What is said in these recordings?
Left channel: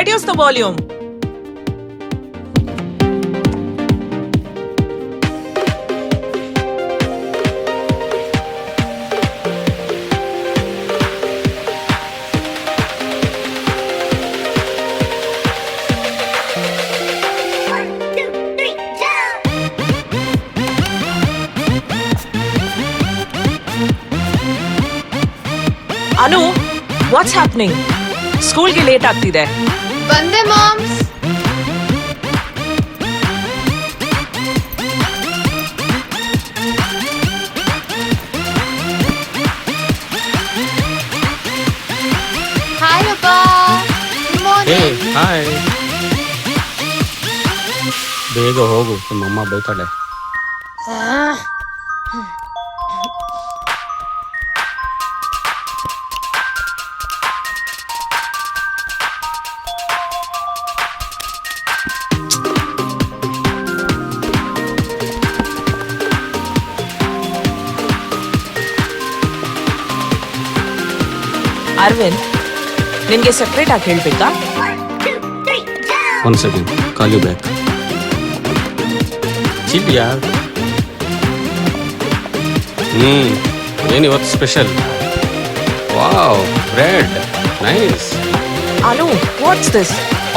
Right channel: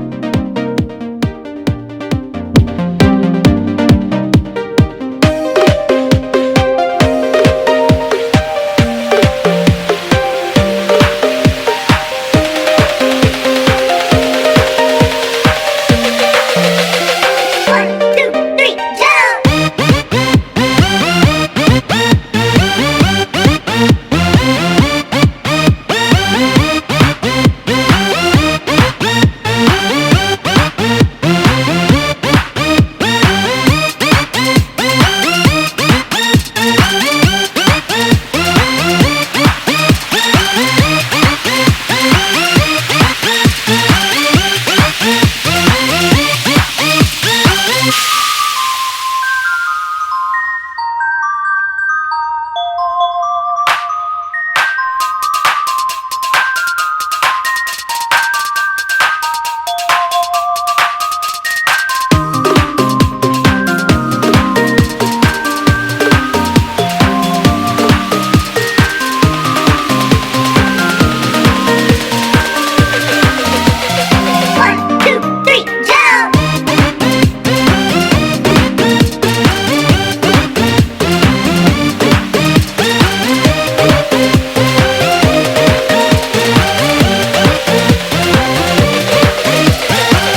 reduce the volume. Anu, what's happening? School ಗೆ late ಆಗ್ತಿದೆ. ಬಂದೆ ಮಾಮ್. ಬೇಗ ಹೋಗು, ನಮ್ಮಮ್ಮ ಬೈತಾಳೆ. ಅರವಿಂದ್, ನಿನ್ಗೆ ಸೆಪರೇಟ್ ಆಗಿ ಹೇಳ್ಬೇಕಾ? ಒಂದು ಸೆಕೆಂಡ್, ಕಾಲಿದೆ. ಇದೆಯಾ? ಏನಿವತ್ತು special? Wow, bread, nice. Anu, what's this?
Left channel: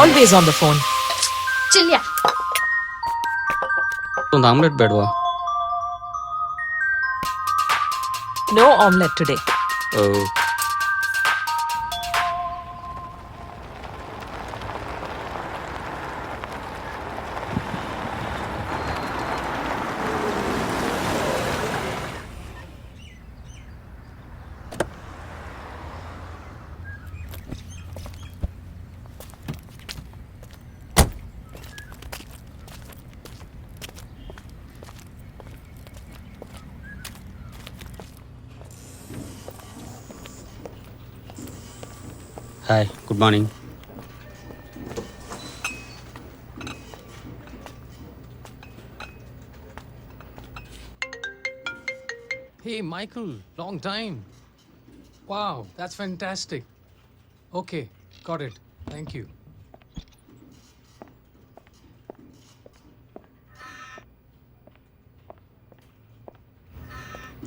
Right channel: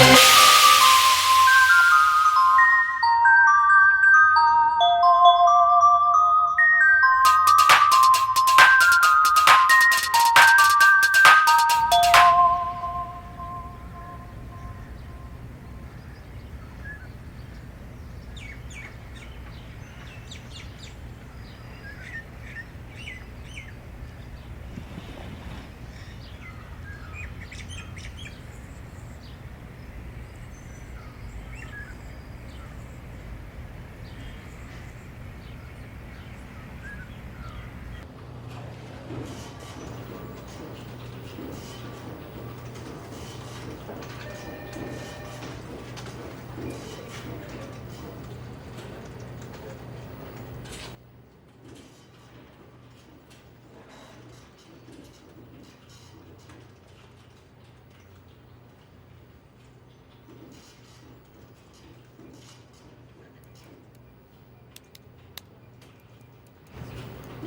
Always on the phone. ಚಿಲ್ಯ. ಒಂದು ಆಮ್ಲೆಟ್ ಬೇಡವಾ? No omelette today. Hi, good morning. Hey, Michael, long time. Wow, that's fantastic. Okay, got it. Thank you.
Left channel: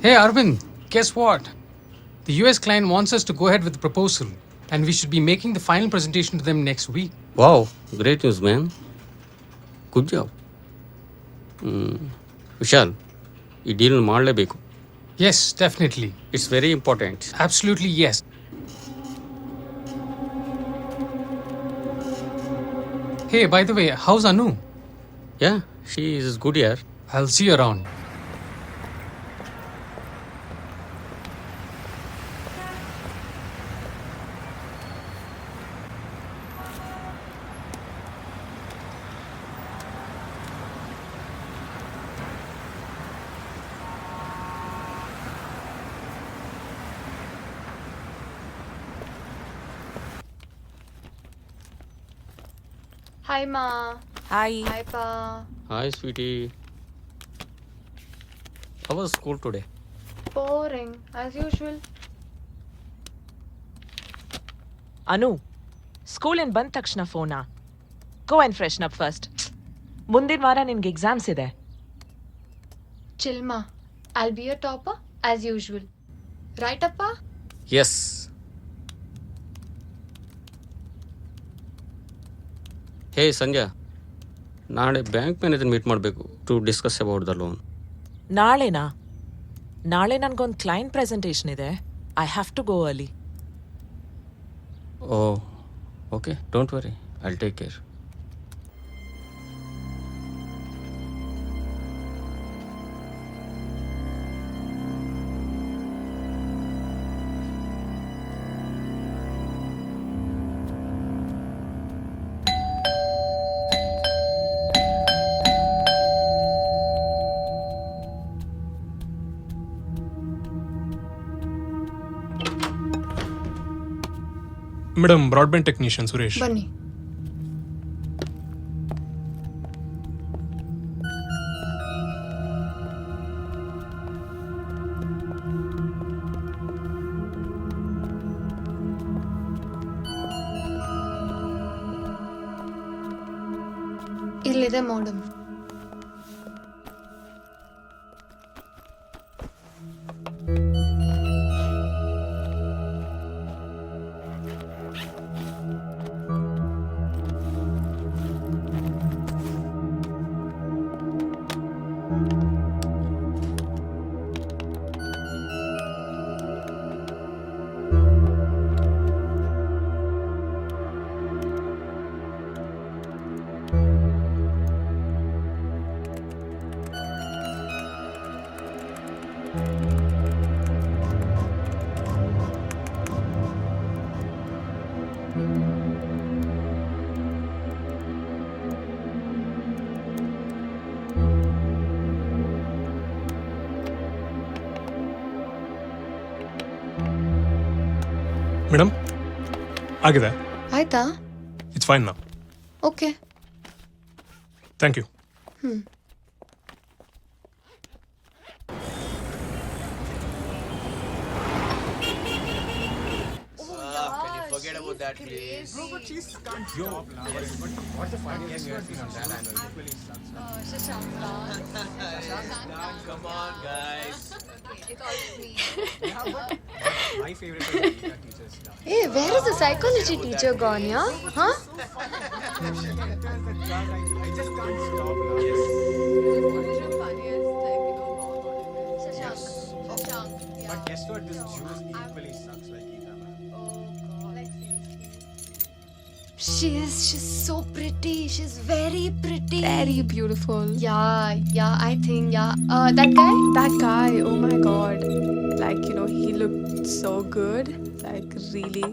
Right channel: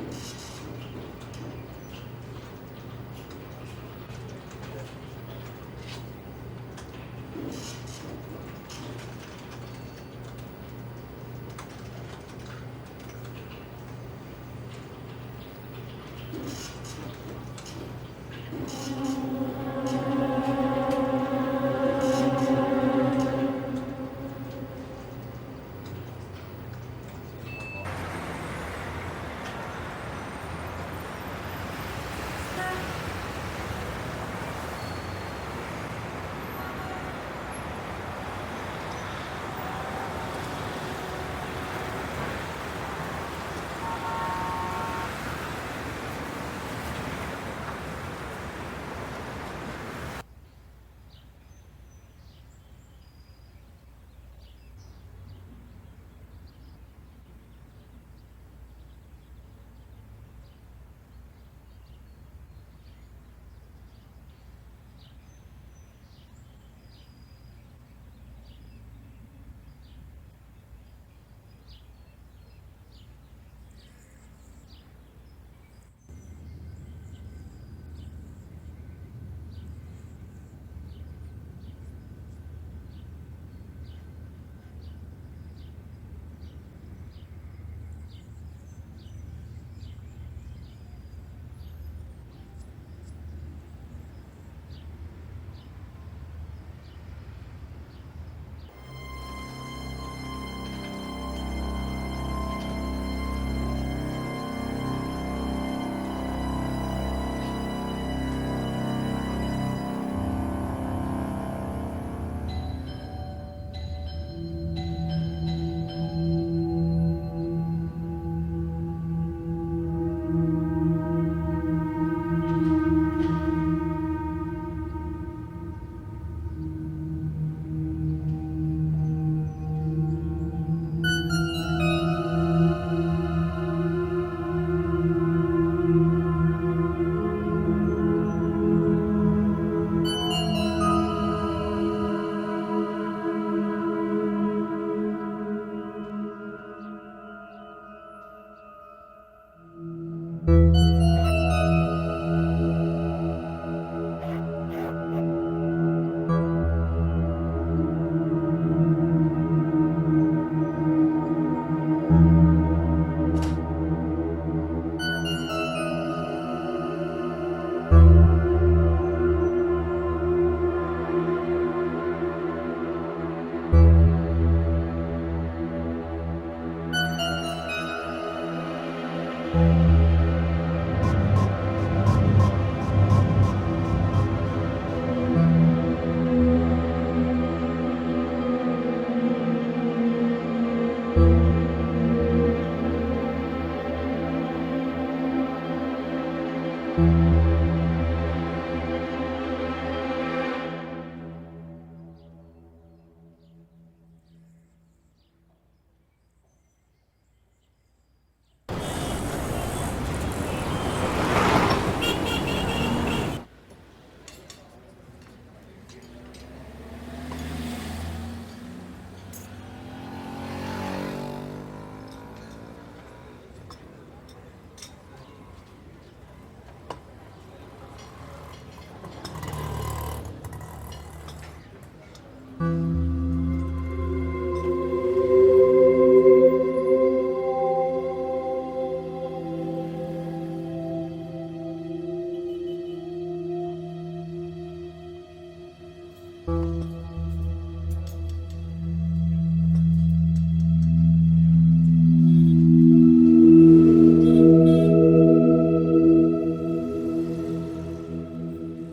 Hey, Arvind, guess what? The US client wants us to go ahead with the proposal, and we should be making the final presentation to them next week. Wow, great news man. Good job. Vishal, ಈ deal ಮಾಡಲೇಬೇಕು. Yes, definitely. It's very important. Absolutely, yes. Hey, by the way, how's Anu? Yeah, she is good ಯಾರ್. I'll see you around. Hi ಮಾ. Hi. Hi ಪಾ. Hi sweetie. How was school today? Boring as usual. Anu, ಸ್ಕೂಲಿಂದ ಬಂದ ತಕ್ಷಣ ಫೋನಾ? Go and freshen up first. ಮುಂದಿನ ವಾರ ನಿನ್ಗೆ ಎಕ್ಸಾಮ್ಸ್ ಇದೆ. ಚಿಲ್ ಮಾ. I'll be a topper as usual. Right ಅಪ್ಪ? ಎಸ್. ಹೇ ಸಂಜಯ್, ನಾಳೆ ಬ್ಯಾಂಕ್ ಮ್ಯಾನೇಜರ್ ಮೀಟ್ ಮಾಡಬೇಕು to discuss about the loan. ನಾಳೆನಾ? ನಾಳೆ ನನಗೊಂದು ಕ್ಲೈಂಟ್ ಪ್ರೆಸೆಂಟೇಷನ್ ಇದೆ. I have to go early. Oh okay, don't worry, I'll take care. Madam, broadband technician Suresh. ಬನ್ನಿ. Madam ಆಗಿದೆ. ಆಯ್ತಾ? ಇಟ್ಸ್ ಫೈನ್ ನಾ. Okay. Thank you. Hey, where is the psychology teacher gone, yeah? Huh? She's so pretty. She's very pretty. Very beautiful. Yeah, I think, yeah. That guy? That guy, oh my god. Like, he looked so good. Like, really.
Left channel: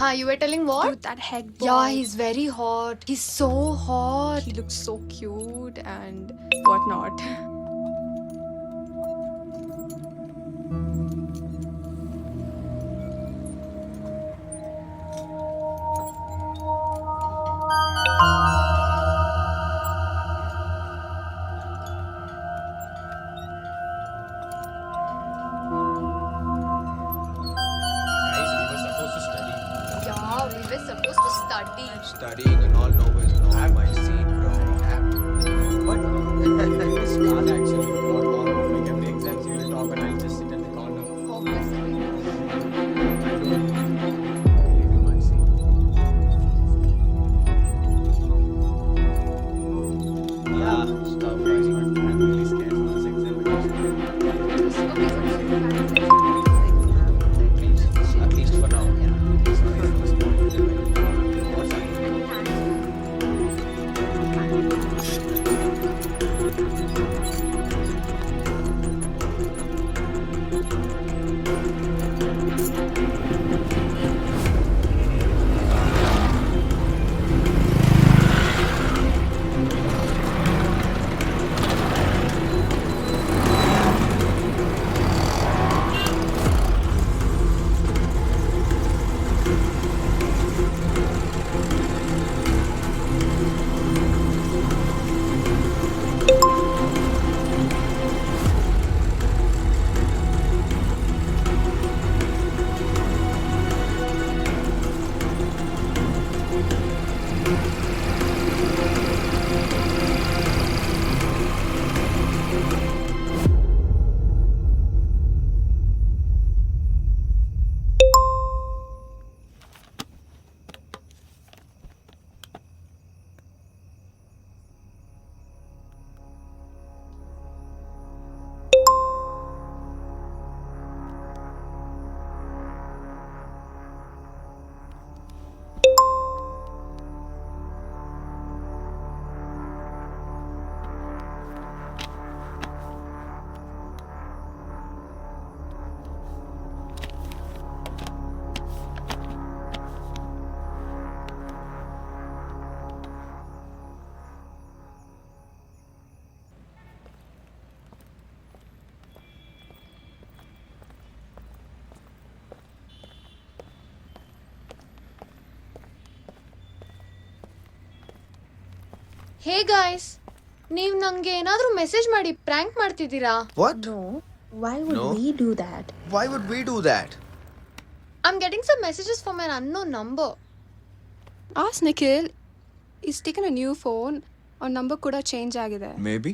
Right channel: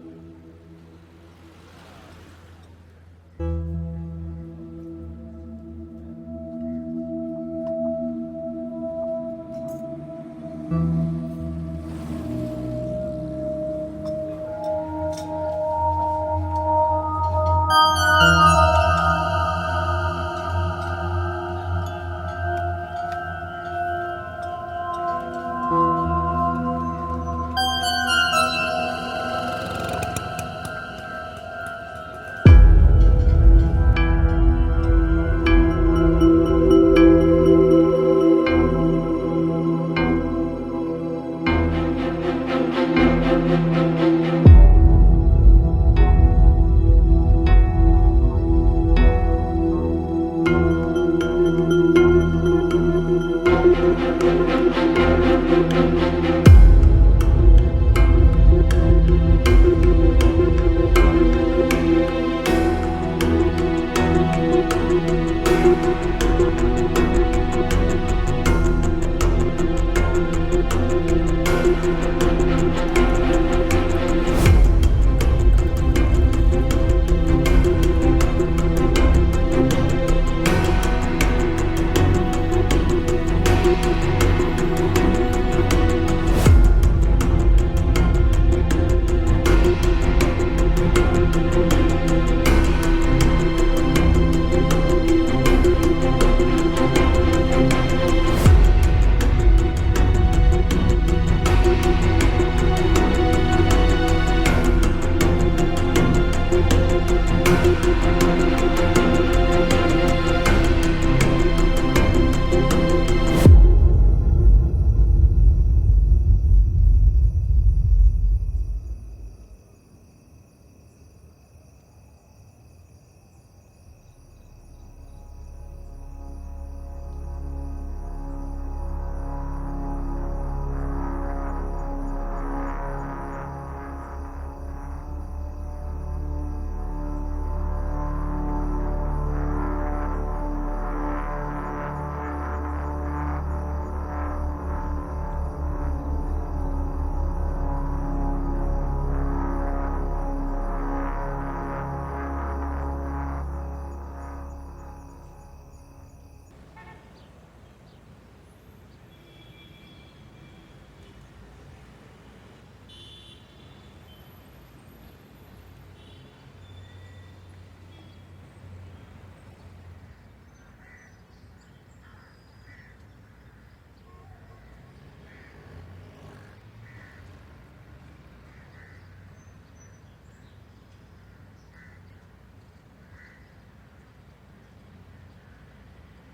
Huh, you were telling what? Dude, that head boy. Yeah, he's very hot. He's so hot. He looked so cute and whatnot. Yeah, we were supposed to study. Studying and all, no, but you have my seat. Hey guys, ನೀವು ನಂಗೆ ಏನಾದರೂ message ಮಾಡಿ prank ಮಾಡ್ತಿದ್ದೀರಾ? What? No. Why would No. we do that? Why would we do that? I'm getting some messages from an unknown number. Ask Nikhil. He's taken a new phone. Our number could have changed agide. Maybe.